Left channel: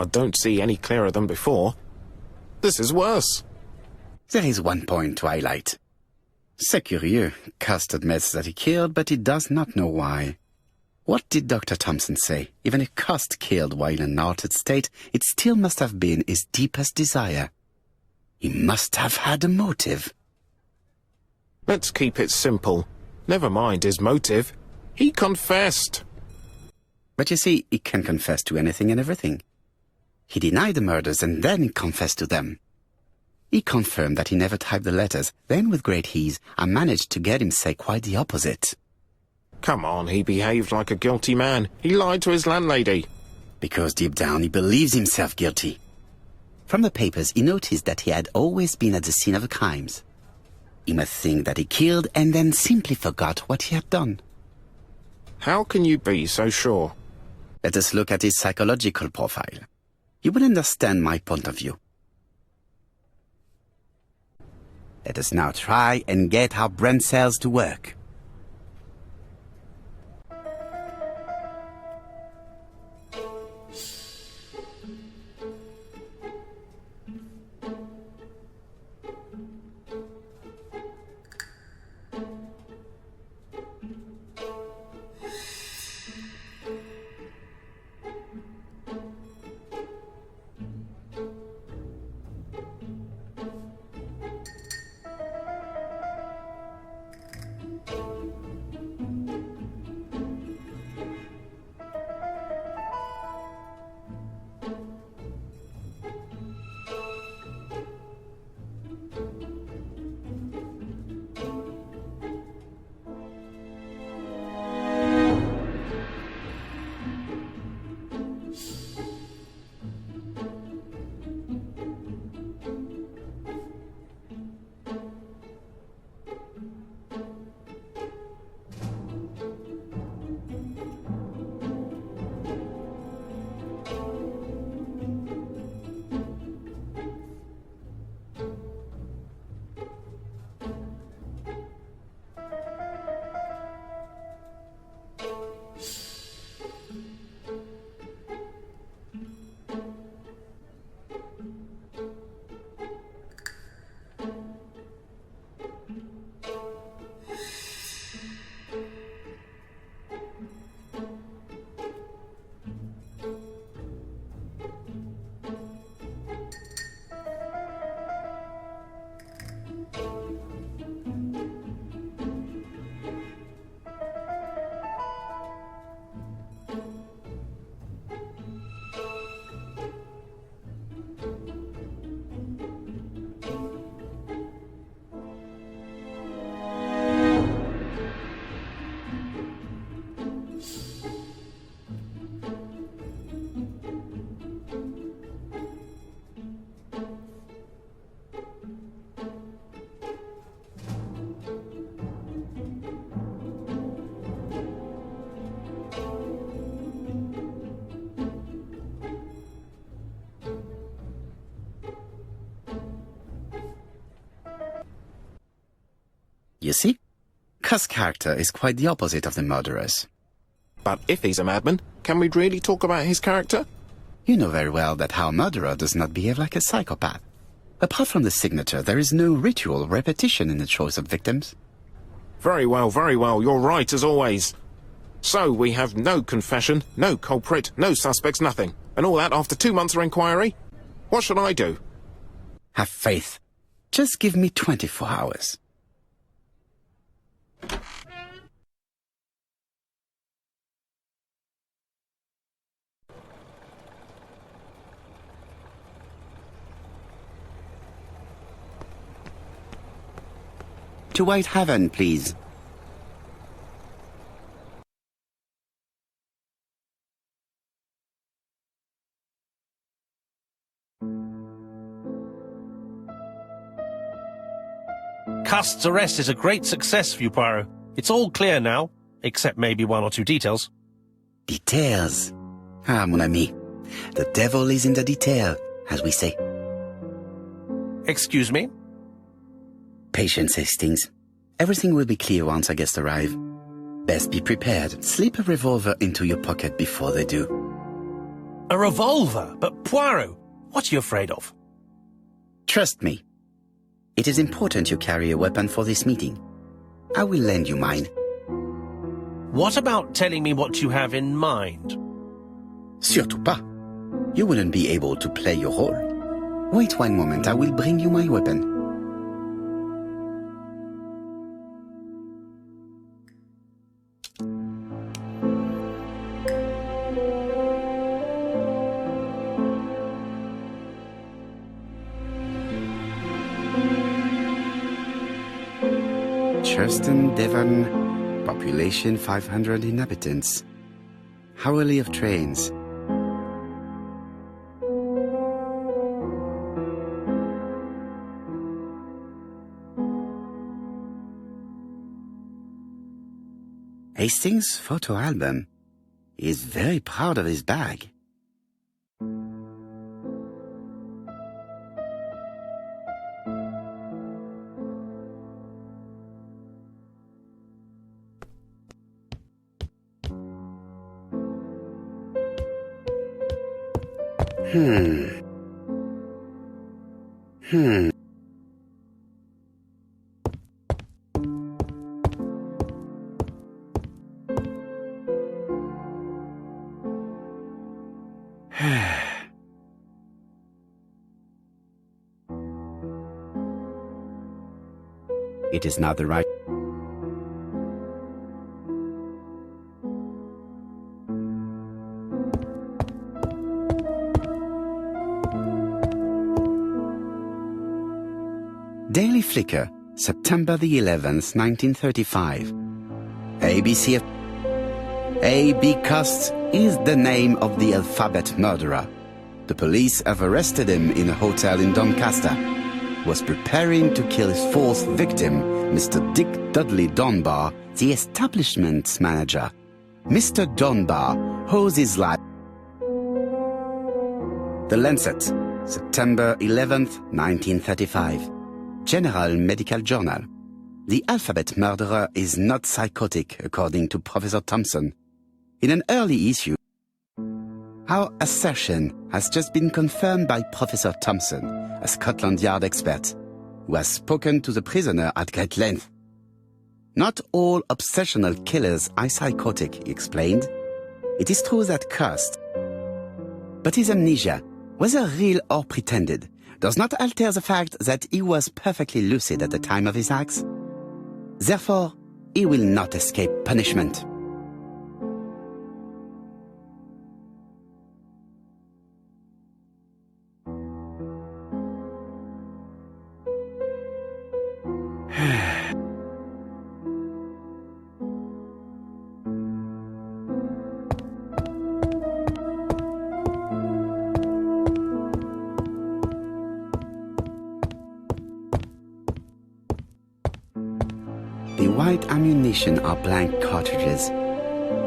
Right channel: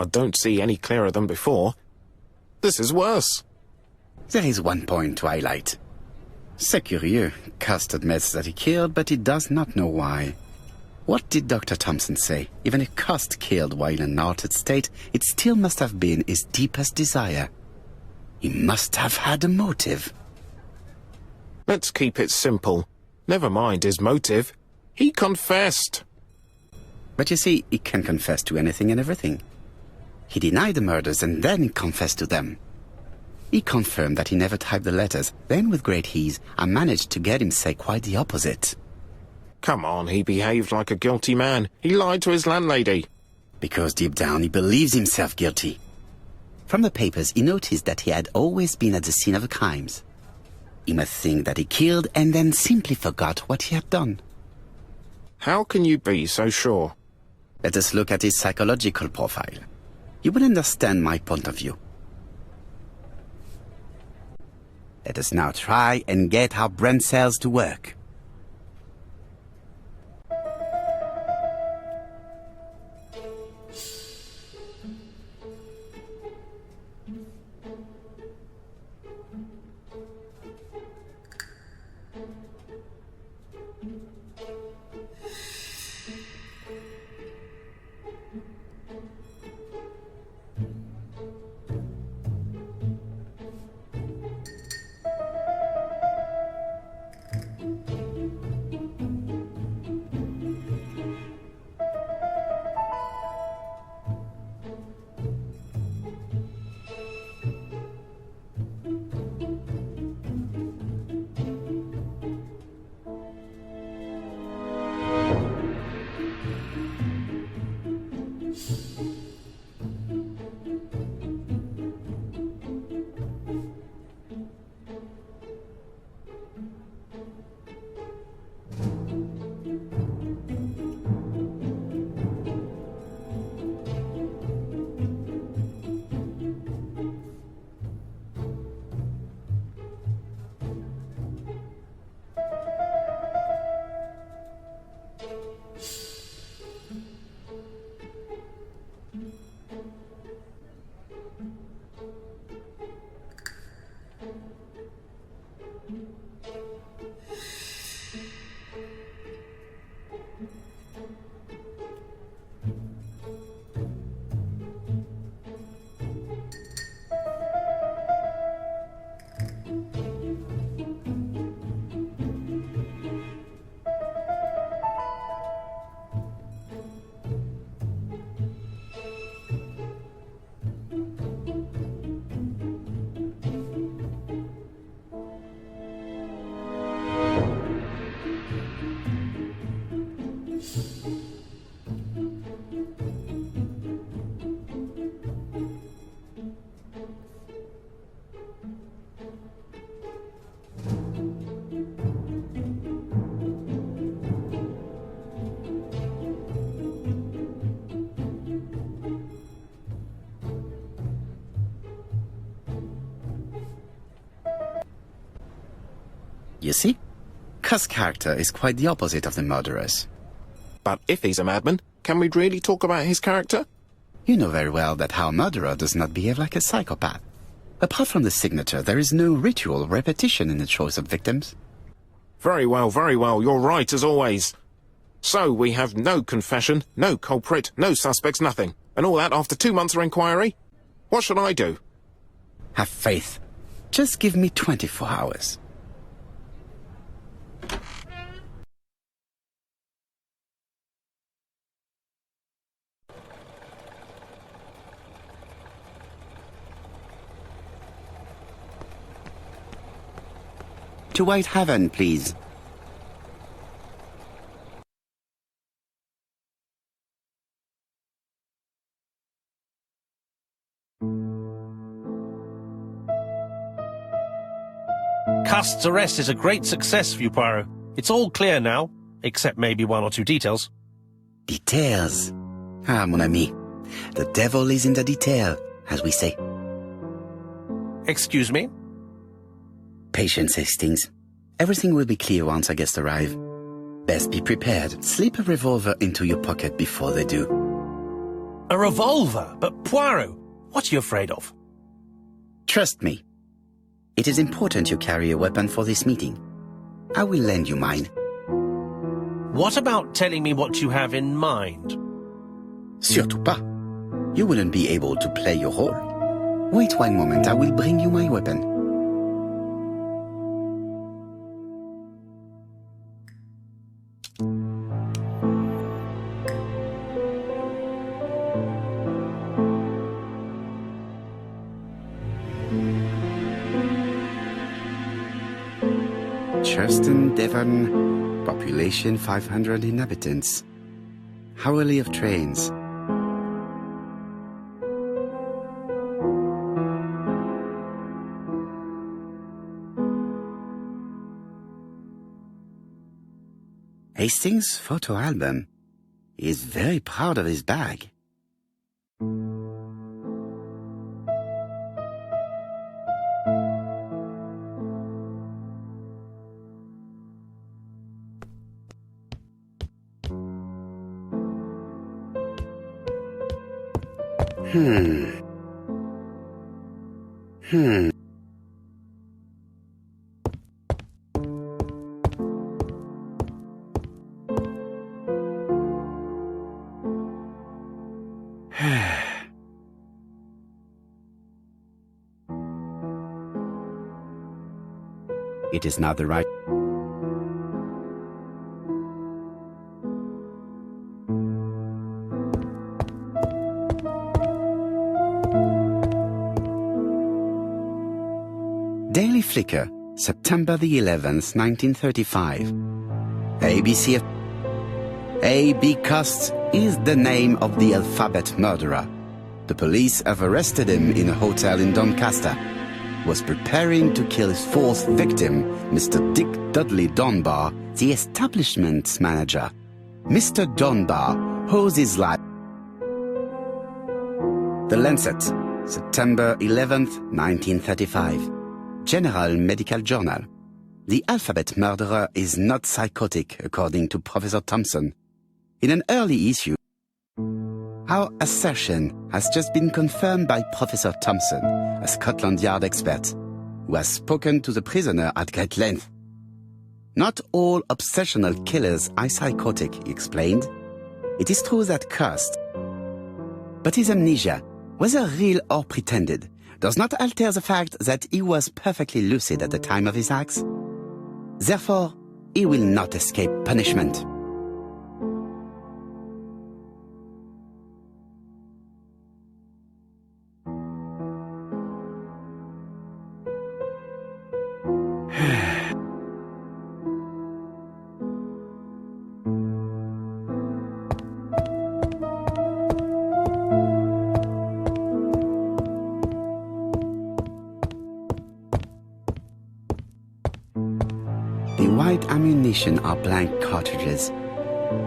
I don't see any clearer than before. This is worse. There is one point to highlight. C'est curieux. Cust admits that he killed, but he does not know why. What did Dr. Thompson say? Even if Cust killed while in an altered state, it still must have been his deepest desire. He must have had a motive. Let's keep it simple. Never mind his motive. He confessed. But you see, he can confess to anything and everything. He denied the murders and then confessed to them. He confirmed that he never typed the letters. Then, with great ease, I managed to get him say quite the opposite. Come on, he behaved like a guilty man. He lied to his landlady. Because deep down he believes himself guilty. From the papers, he noticed that he had always been at the scene of the crimes. He must think that he killed and then simply forgot what he had done. How can you be so sure? Let us look at his psychological profile. You will understand my point of view. Let us now try and get our brain cells to work. You see? Cust's character is quite the opposite of the murderer's. But if he's a madman, can we really talk about his character? You know very well that our murderer does not behave like a psychopath. Apart from the signature, there is no ritual repetition in the choice of victims. Very well, you're right as always. So we have no confession, no culprit, no suspects, nothing. And all that after 2 months of inquiry? What should I do? Have faith. Just give me 24 hours. To White Haven, please. Cust's arrest is a great success for you, Poirot. It's all clear now, except maybe 1 or 2 details. Details? Ah, mon ami. The devil is in the detail, as we say. Excuse me? Patience, Hastings. Everything will be clear once our guests arrive. Best be prepared. Slip a revolver into your pocket before they do. A revolver? But Poirot, what are you afraid of? Trust me. It is important you carry a weapon for this meeting. I will lend you mine. What about telling me what you have in mind? Surtout pas. You wouldn't be able to play your role. Wait one moment, I will bring you my weapon. Churston, Devon, population 500 inhabitants. Hourly of trains. Hastings' photo album. He is very proud of his bag. It is not the right... Daily Flicker, September the 11th, 1935. ABC... A.B. Cust is the name of the alphabet murderer. The police have arrested him in a hotel in Doncaster. Was preparing to kill his fourth victim, Mr. Dick Dudley Dunbar, the establishment's manager. Mr. Dunbar owes his life. The Lancet, September 11th, 1935. General Medical Journal. The alphabet murderer is not psychotic, according to Professor Thompson. In an early issue, our assertion has just been confirmed by Professor Thompson, a Scotland Yard expert, who has spoken to the prisoner at great length. Not all obsessional killers are psychotic, he explained. It is true that Cust, but his amnesia, whether real or pretended, does not alter the fact that he was perfectly lucid at the time of his acts. Therefore, he will not escape punishment. The white ammunition are blank cartridges.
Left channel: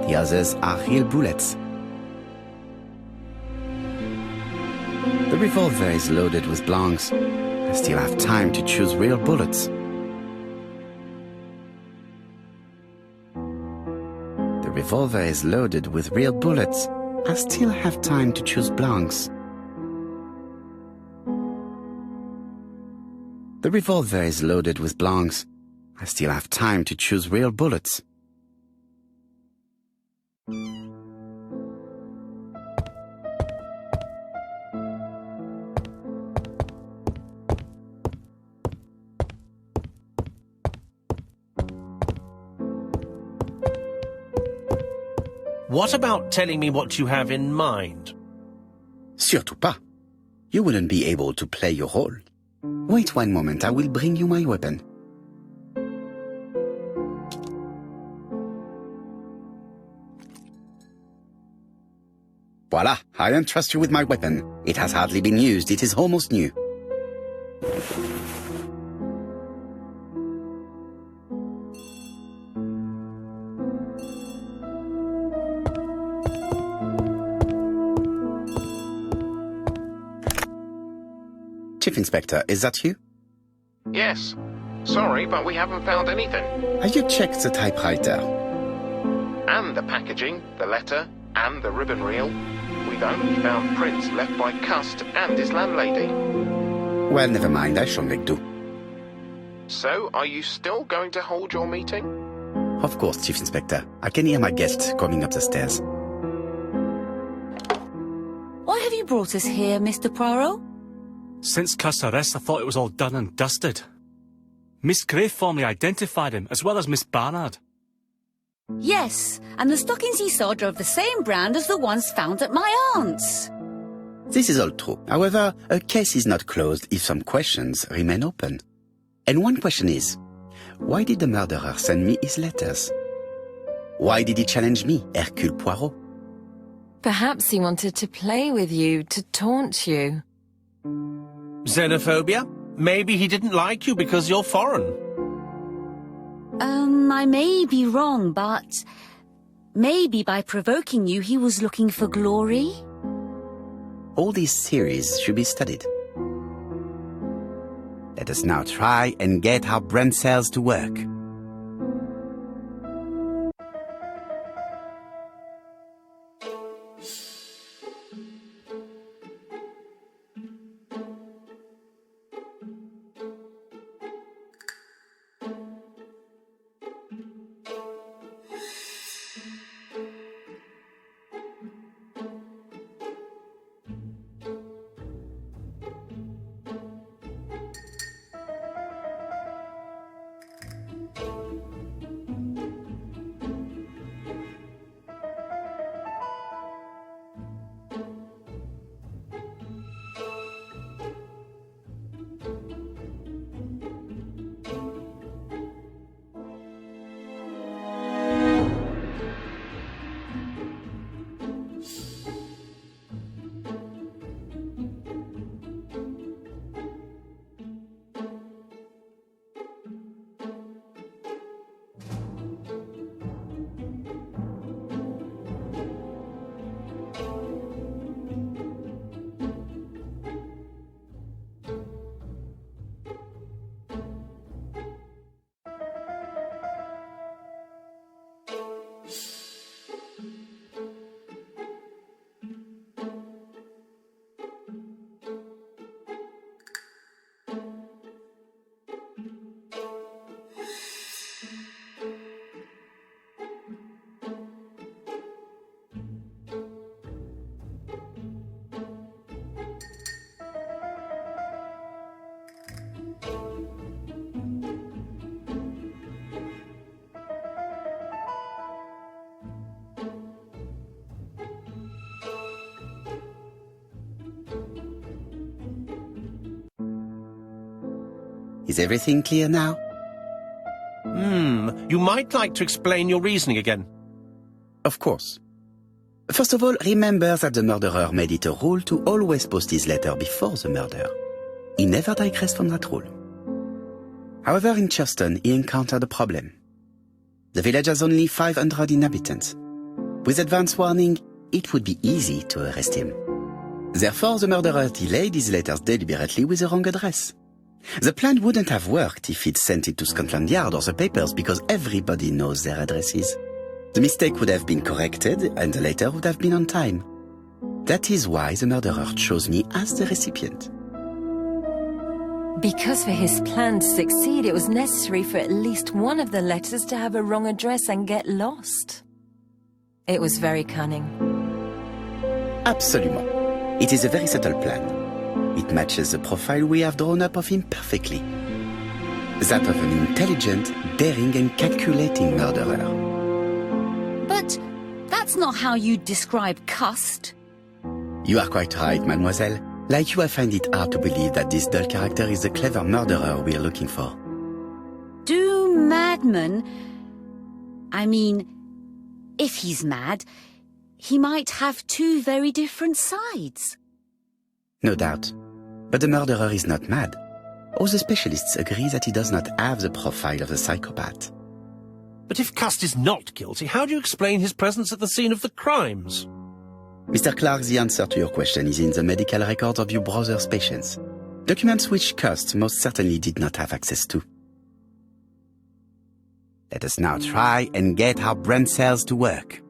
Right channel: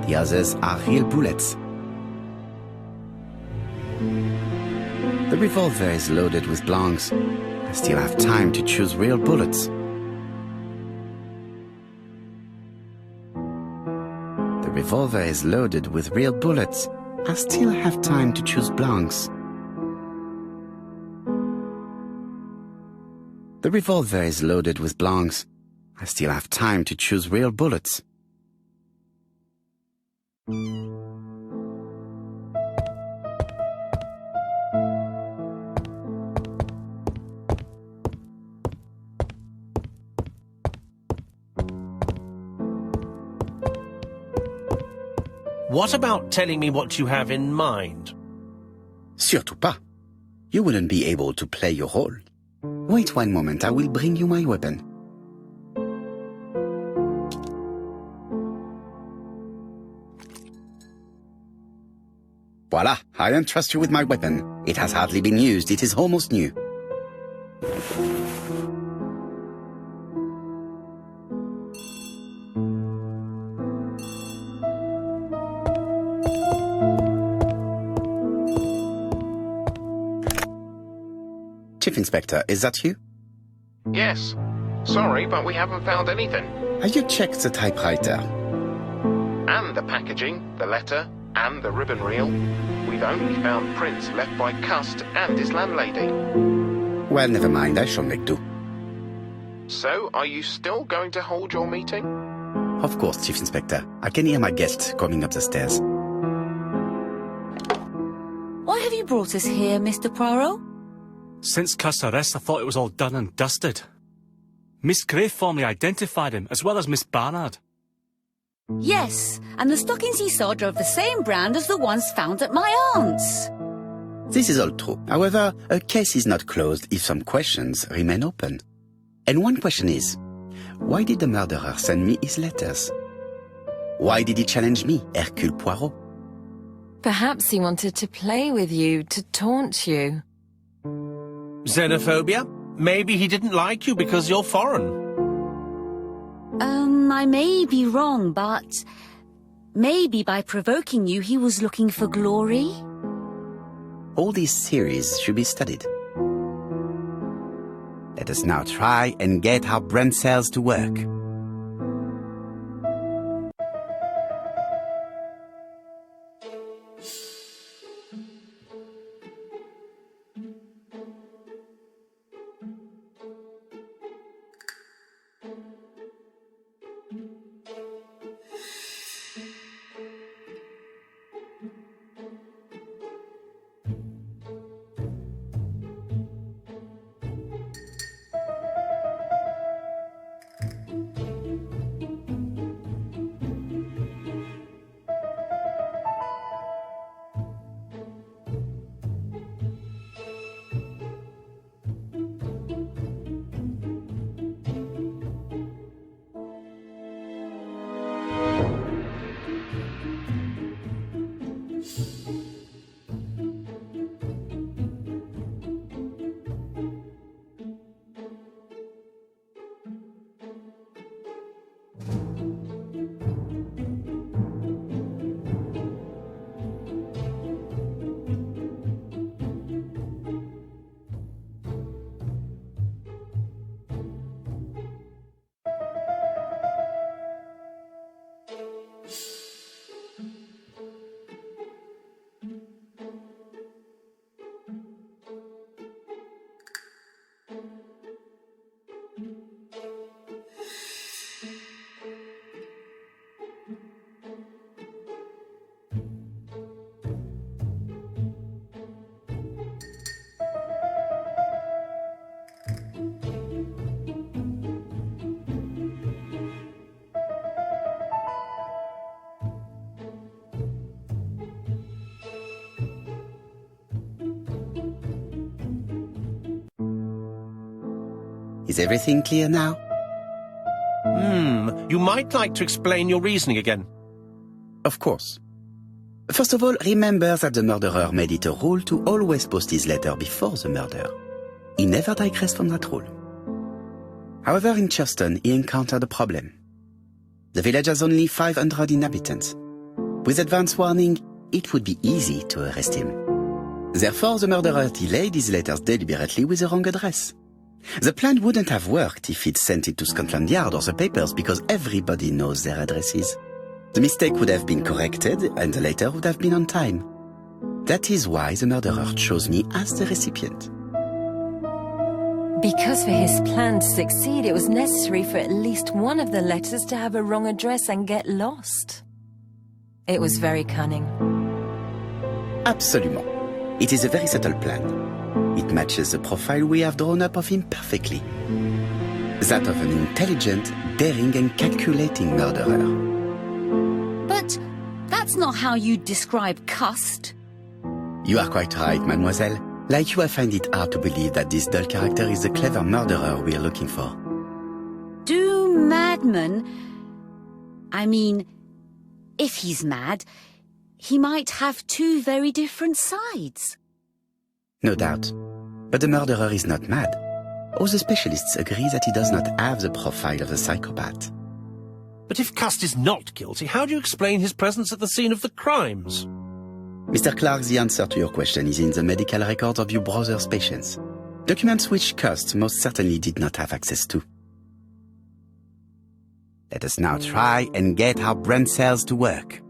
The others are real bullets. The revolver is loaded with blanks. I still have time to choose real bullets. The revolver is loaded with real bullets. I still have time to choose blanks. The revolver is loaded with blanks. I still have time to choose real bullets. What about telling me what you have in mind? Surtout pas. You wouldn't be able to play your role. Wait one moment, I will bring you my weapon. Voila, I entrust you with my weapon. It has hardly been used, it is almost new. Chief Inspector, is that you? Yes. Sorry, but we haven't found anything. Have you checked the typewriter? And the packaging, the letter, and the ribbon reel. We've only found prints left by Cust and his landlady. Well, never mind, I shall make do. So, are you still going to hold your meeting? Of course, Chief Inspector. I can hear my guest coming up the stairs. Why have you brought us here, Mr. Poirot? Since Cust's arrest, I thought it was all done and dusted. Miss Gray formally identified him, as well as Miss Barnard. Yes, and the stockings he saw drove the same brand as the ones found at my aunt's. This is all true. However, a case is not closed if some questions remain open. And one question is, why did the murderer send me his letters? Why did he challenge me, Hercule Poirot? Perhaps he wanted to play with you, to taunt you. Xenophobia? Maybe he didn't like you because you're foreign. I may be wrong, but maybe by provoking you he was looking for glory? All these theories should be studied. Let us now try and get our brain cells to work. Is everything clear now? You might like to explain your reasoning again. Of course. First of all, remember that the murderer made it a rule to always post his letter before the murder. He never digressed from that rule. However, in Churston, he encountered a problem. The village has only 500 inhabitants. With advance warning, it would be easy to arrest him. Therefore, the murderer delayed his letters deliberately with the wrong address. The plan wouldn't have worked if he'd sent it to Scotland Yard or the papers because everybody knows their addresses. The mistake would have been corrected and the letter would have been on time. That is why the murderer chose me as the recipient. Because for his plan to succeed, it was necessary for at least one of the letters to have a wrong address and get lost. It was very cunning. Absolument. It is a very subtle plan. It matches the profile we have drawn up of him perfectly. That of an intelligent, daring and calculating murderer. But that's not how you describe Cust. You are quite right, mademoiselle. Like you, I find it hard to believe that this dull character is the clever murderer we are looking for. Do madmen... I mean, if he's mad, he might have two very different sides. No doubt. But the murderer is not mad. All the specialists agree that he does not have the profile of the psychopath. But if Cust is not guilty, how do you explain his presence at the scene of the crimes? Mr. Clark, the answer to your question is in the medical records of your brother's patients. Documents which Cust most certainly did not have access to. Let us now try and get our brain cells to work.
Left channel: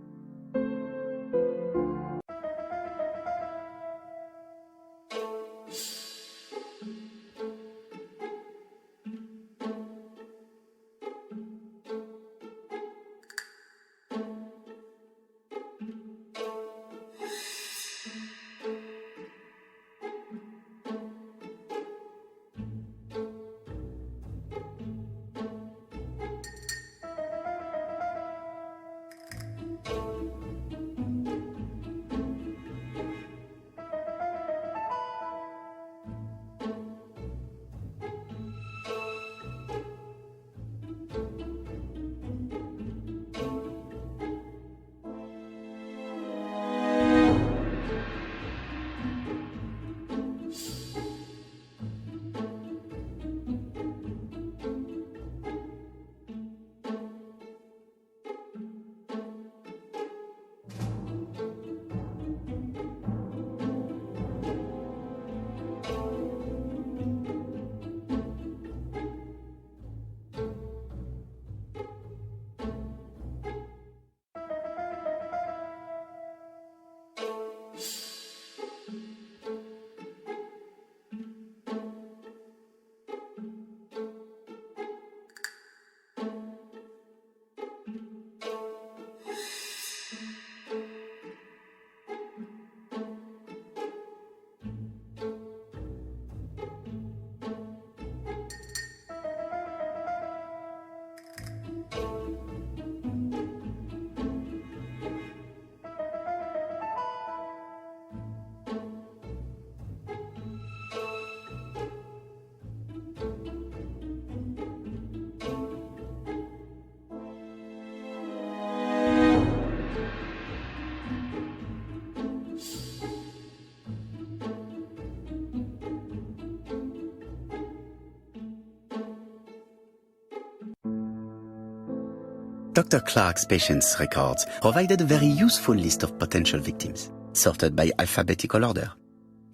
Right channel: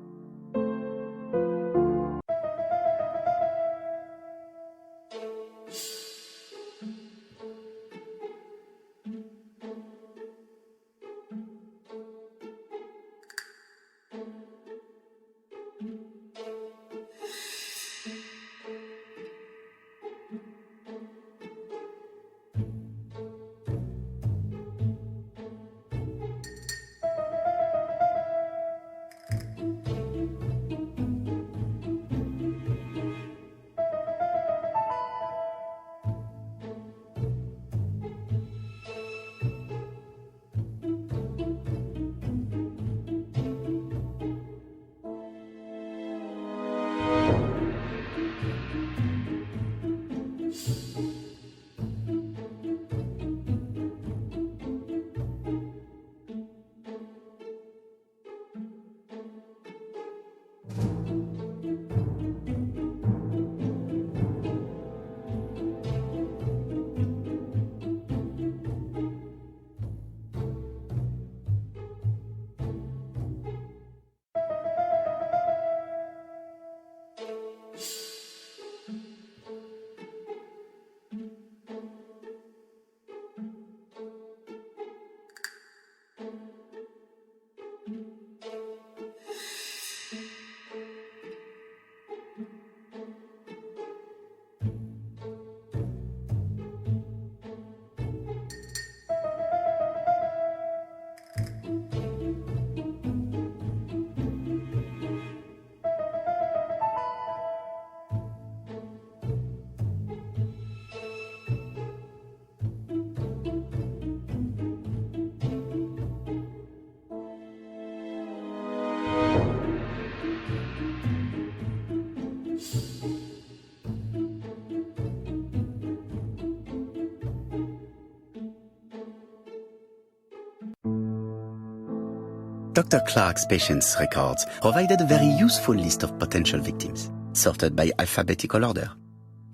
Dr. Clark's patient's records provided a very useful list of potential victims, sorted by alphabetical order.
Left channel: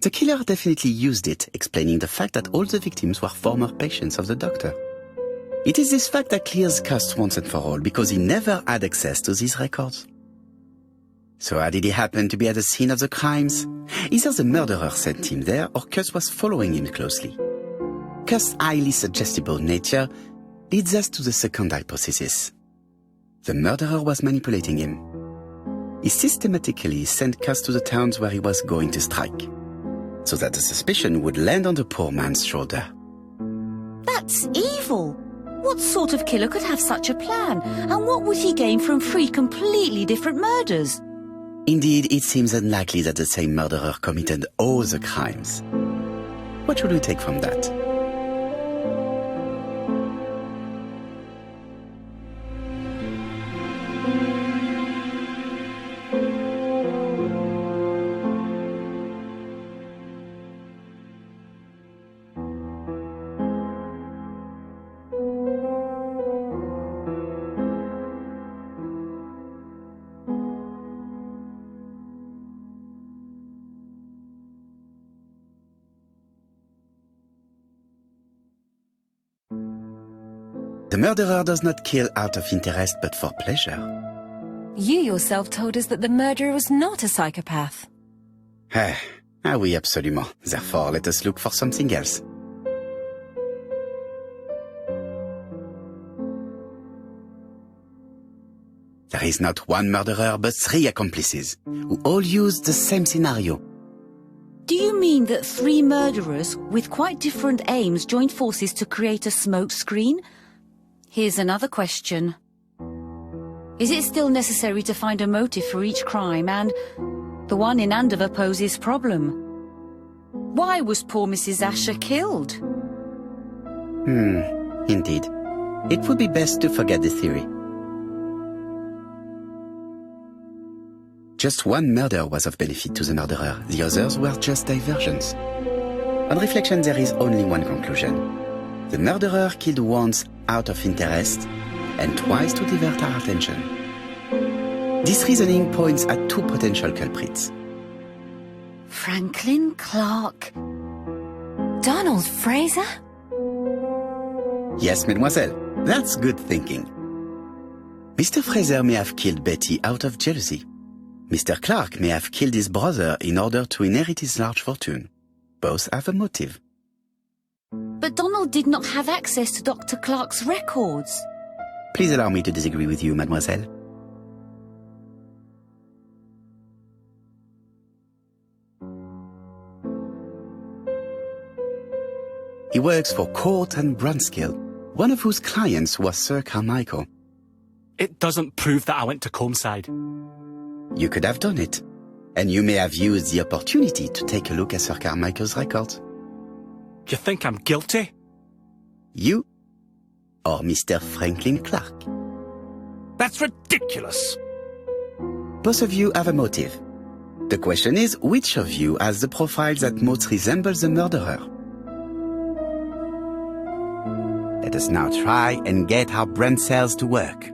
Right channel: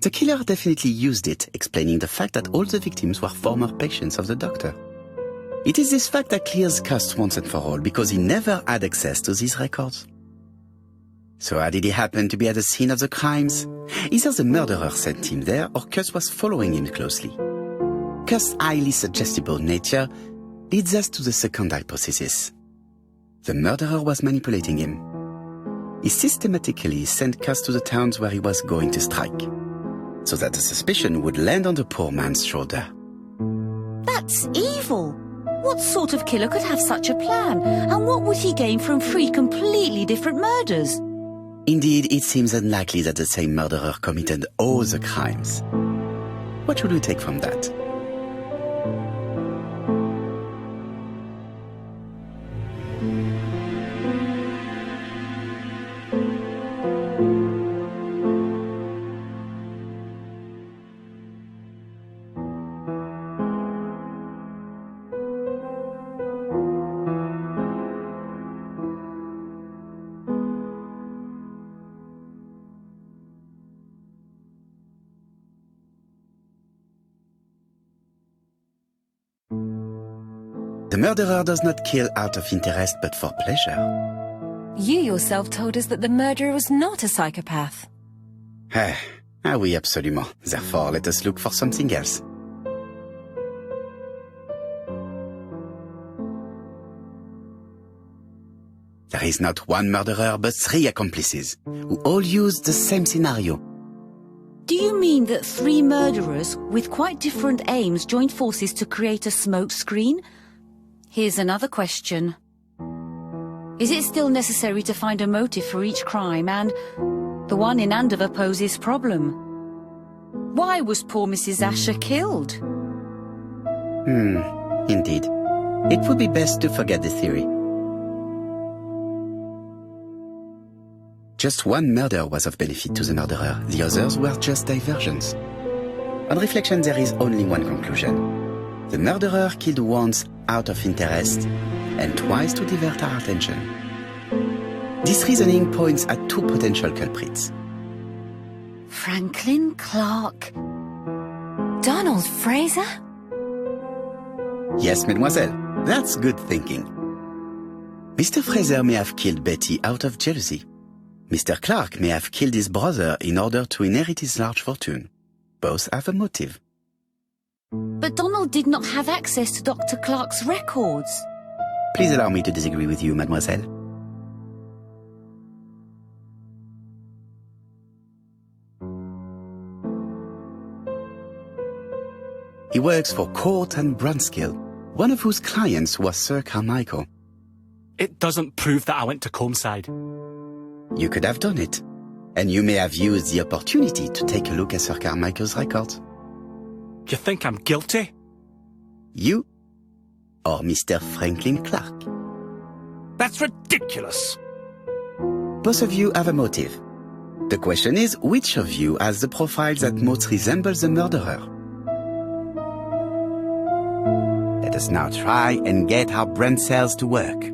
The killer definitely used it, explaining the fact that all the victims were former patients of the doctor. It is this fact that clears Cust once and for all, because he never had access to these records. So how did he happen to be at the scene of the crimes? Either the murderer sent him there, or Cust was following him closely. Cust's highly suggestible nature leads us to the second hypothesis. The murderer was manipulating him. He systematically sent Cust to the towns where he was going to strike, so that the suspicion would land on the poor man's shoulder. That's evil. What sort of killer could have such a plan? And what would he gain from 3 completely different murders? Indeed, it seems unlikely that the same murderer committed all the crimes. What should we take from that? The murderer does not kill out of interest but for pleasure. You yourself told us that the murderer was not a psychopath. Oui, absolument. Therefore, let us look for something else. There is not one murderer but 3 accomplices, who all use the same scenario. Do you mean that 3 murderers with quite different aims joined forces to create a smoke screen? Here's another question. Is it still necessary to find a motive for each crime? And the one in Andover poses problem. Why was poor Mrs. Asher killed? Indeed. It would be best to forget the theory. Just one murder was of benefit to the murderer. The others were just diversions. On reflection, there is only one conclusion. The murderer killed once out of interest and twice to divert our attention. This reasoning points at 2 potential culprits. Franklin Clark. Donald Fraser? Yes, mademoiselle. That's good thinking. Mr. Fraser may have killed Betty out of jealousy. Mr. Clark may have killed his brother in order to inherit his large fortune. Both have a motive. But Donald did not have access to Dr. Clark's records. Please allow me to disagree with you, mademoiselle. He works for Court and Brunskill, one of whose clients was Sir Carmichael. It doesn't prove that I went to Comeside. You could have done it, and you may have used the opportunity to take a look at Sir Carmichael's records. You think I'm guilty? You or Mr. Franklin Clark? That's ridiculous. Both of you have a motive. The question is, which of you has the profile that most resembles the murderer? Let us now try and get our brain cells to work.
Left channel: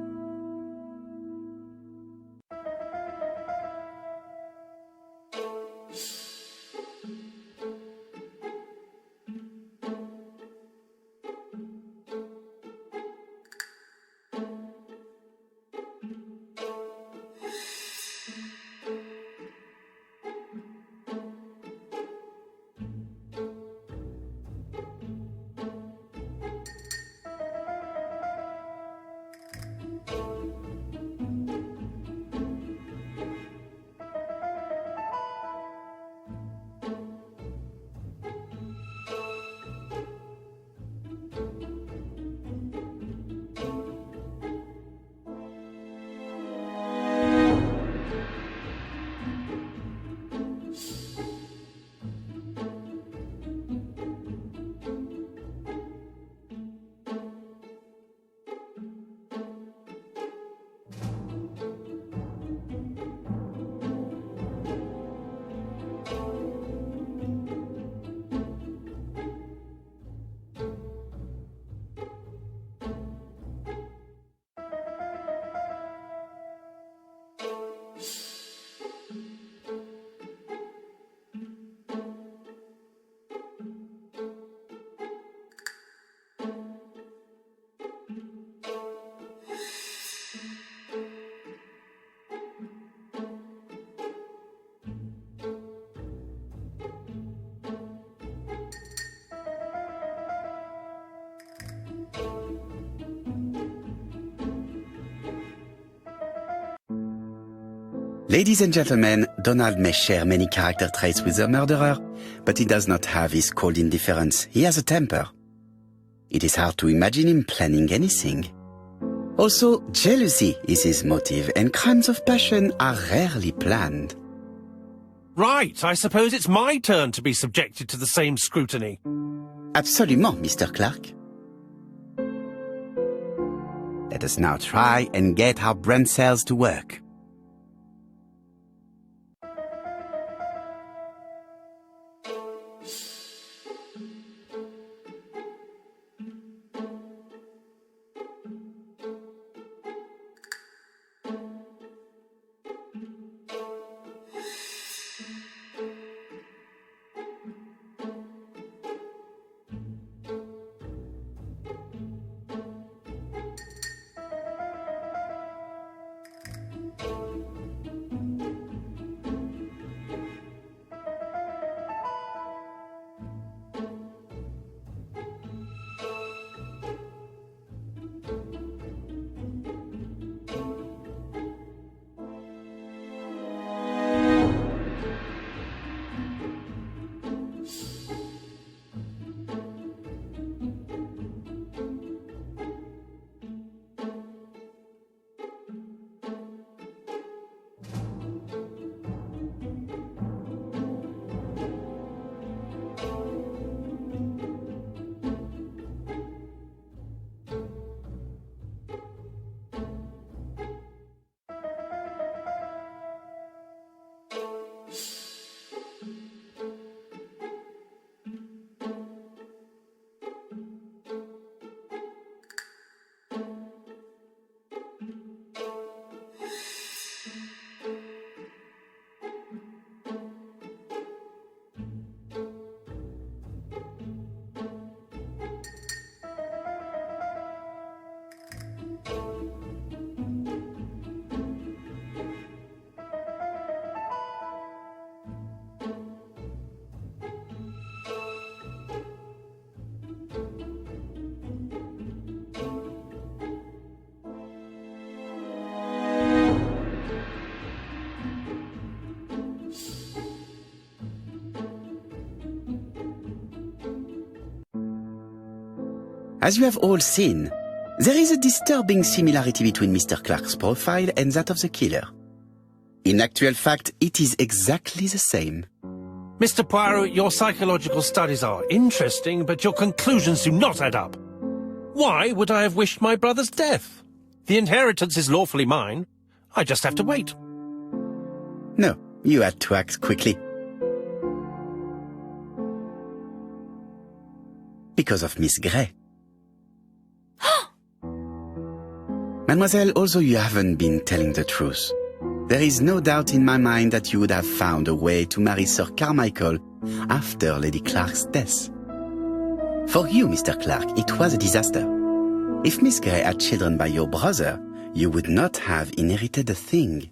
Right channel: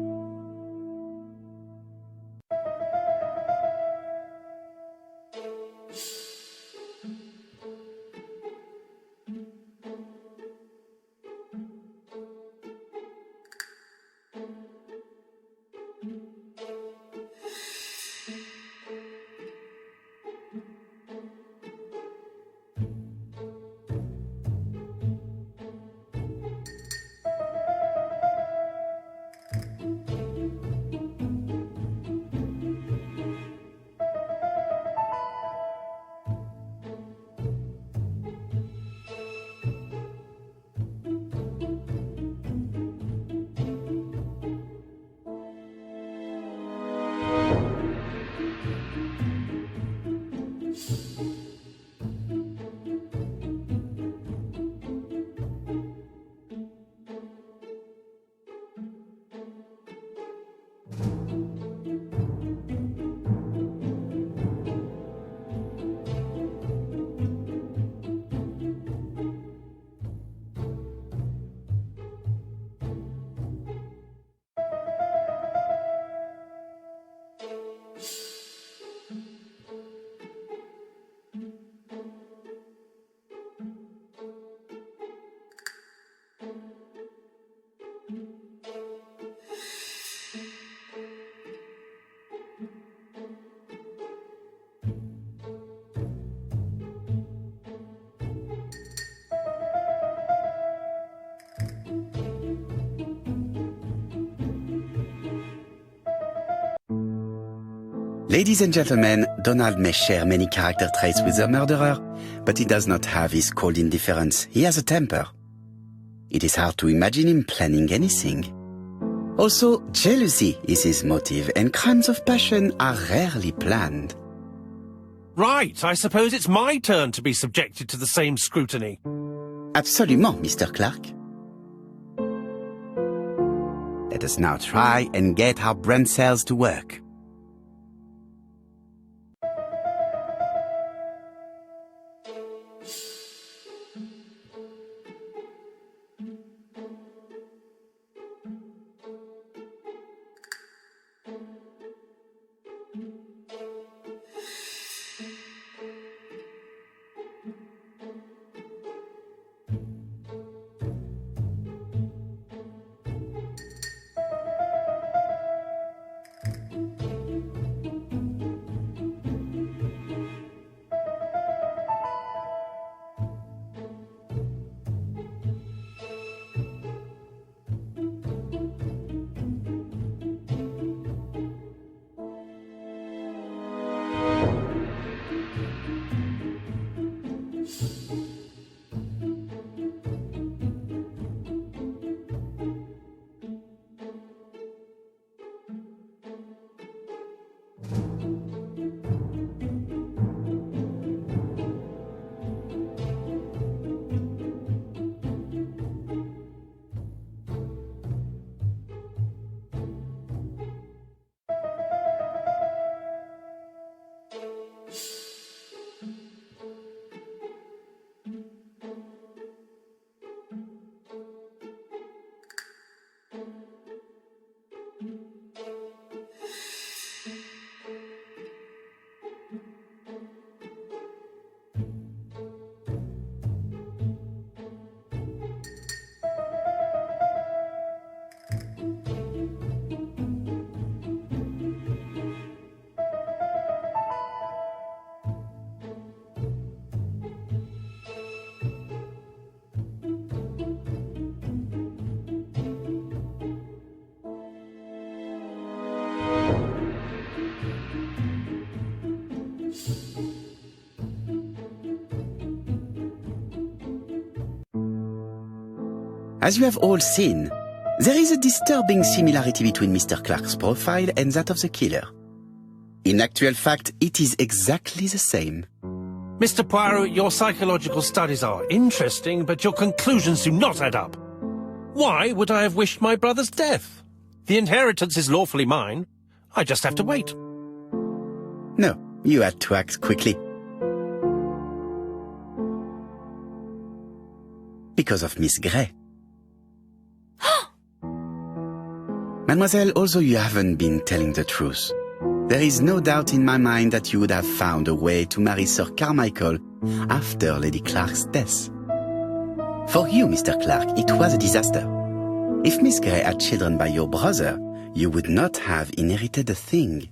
Ladies and gentlemen, Donald may share many character traits with the murderer, but he does not have his cold indifference. He has a temper. It is hard to imagine him planning anything. Also, jealousy is his motive, and crimes of passion are rarely planned. Right, I suppose it's my turn to be subjected to the same scrutiny. Absolument, Mr. Clark. Let us now try and get our brain cells to work. As you have all seen, there is a disturbing similarity between Mr. Clark's profile and that of the killer. In actual fact, it is exactly the same. Mr. Poirot, your psychological studies are interesting, but your conclusions do not add up. Why would I have wished my brother's death? The inheritance is lawfully mine. I just have to wait. No, you had to act quickly. Because of Miss Grey. Mademoiselle, although you haven't been telling the truth, there is no doubt in my mind that you would have found a way to marry Sir Carmichael after Lady Clark's death. For you, Mr. Clark, it was a disaster. If Miss Grey had children by your brother, you would not have inherited a thing.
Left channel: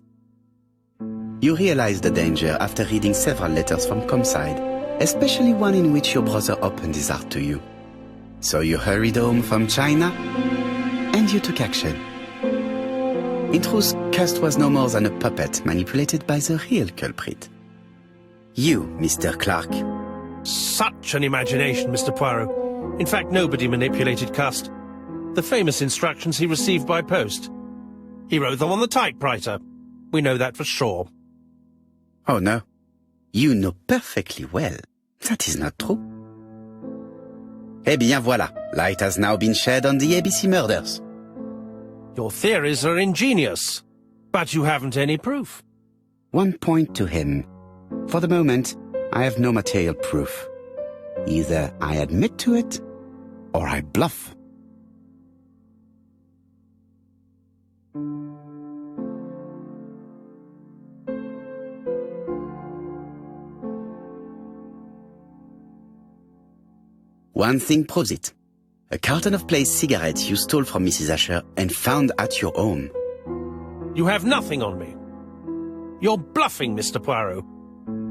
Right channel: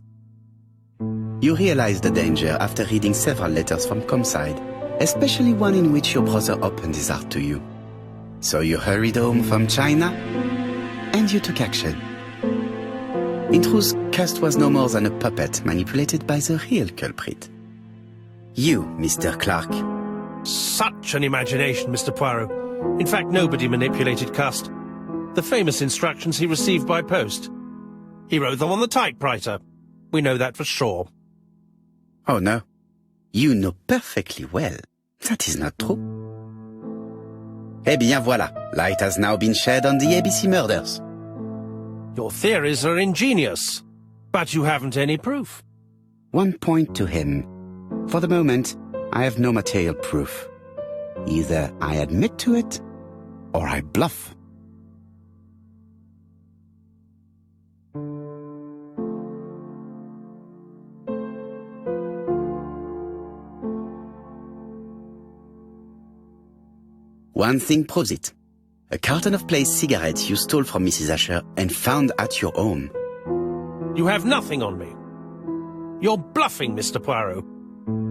You realized the danger after reading several letters from Comside, especially one in which your brother opened his heart to you. So you hurried home from China, and you took action. In truth, Cust was no more than a puppet manipulated by the real culprit. You, Mr. Clark. Such an imagination, Mr. Poirot. In fact, nobody manipulated Cust. The famous instructions he received by post. He wrote them on the typewriter. We know that for sure. Oh no. You know perfectly well. That is not true. Eh bien voilà, light has now been shed on the ABC murders. Your theories are ingenious, but you haven't any proof. One point to him. For the moment, I have no material proof. Either I admit to it, or I bluff. One thing proves it. A carton of placed cigarettes you stole from Mrs. Asher and found at your home. You have nothing on me. You're bluffing, Mr. Poirot.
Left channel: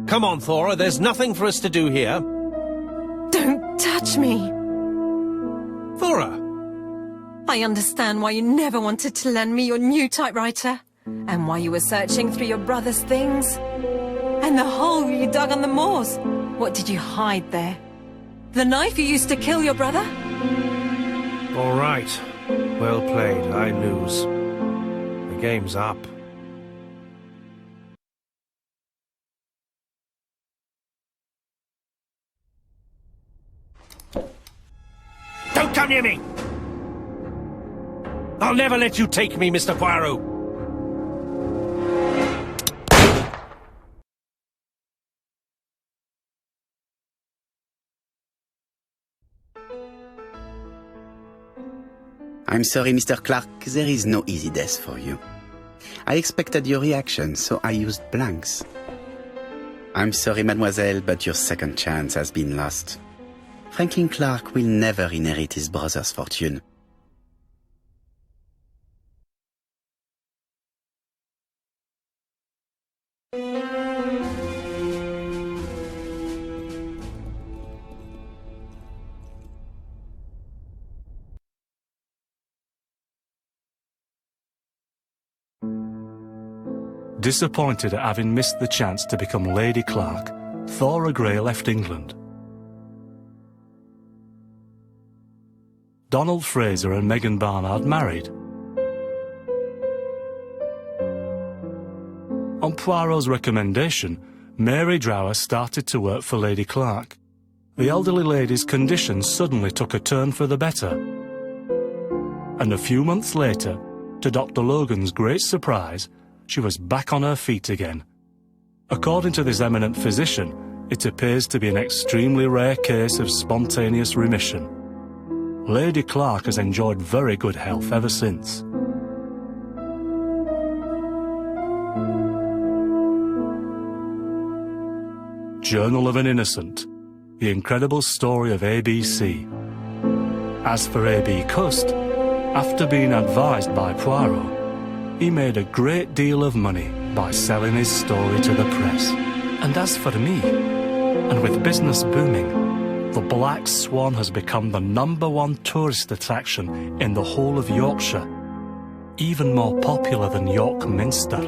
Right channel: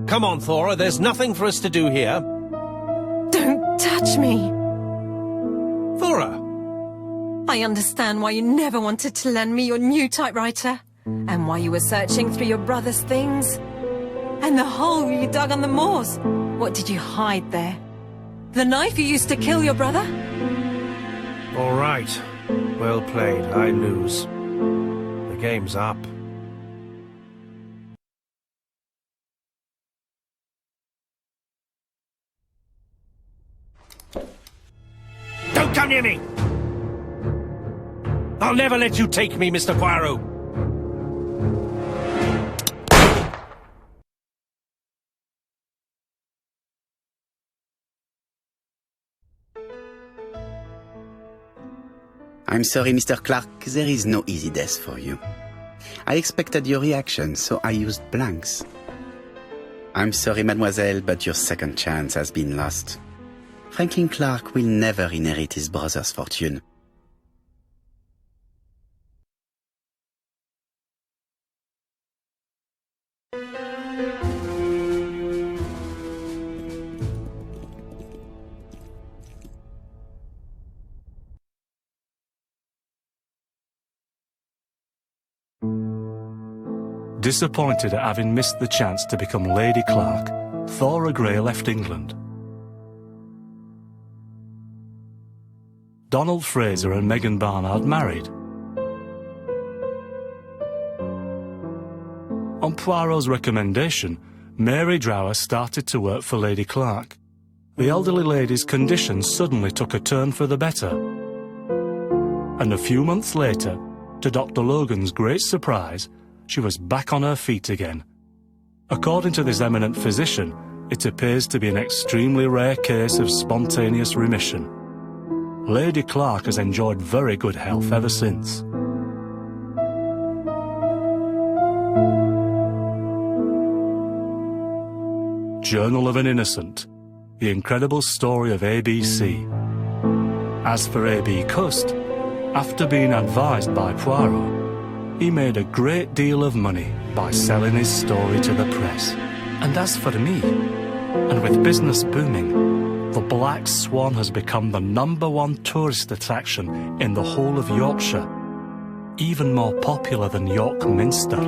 Come on, Thora, there's nothing for us to do here. Don't touch me! Thora! I understand why you never wanted to lend me your new typewriter. And while you were searching through your brother's things? And the hole you dug on the moors? What did you hide there? The knife you used to kill your brother? All right. Well played. I lose. The game's up. Don't come near me! I'll never let you take me, Mr. Poirot! I'm sorry, Mr. Clark, there is no easy death for you. I expected your reaction, so I used blanks. I'm sorry, mademoiselle, but your second chance has been lost. Franklin Clark will never inherit his brother's fortune. Disappointed at having missed the chance to become Lady Clark, Thora Grey left England. Donald Fraser and Megan Barnard married. On Poirot's recommendation, Mary Drower started to work for Lady Clark. The elderly lady's condition suddenly took a turn for the better. And a few months later, to Dr. Logan's great surprise, she was back on her feet again. According to this eminent physician, it appears to be an extremely rare case of spontaneous remission. Lady Clark has enjoyed very good health ever since. Journal of an Innocent, the incredible story of ABC. As for A.B. Cust, after being advised by Poirot, he made a great deal of money by selling his story to the press. And as for me, and with business booming, the Black Swan has become the #1 tourist attraction in the whole of Yorkshire, even more popular than York Minster.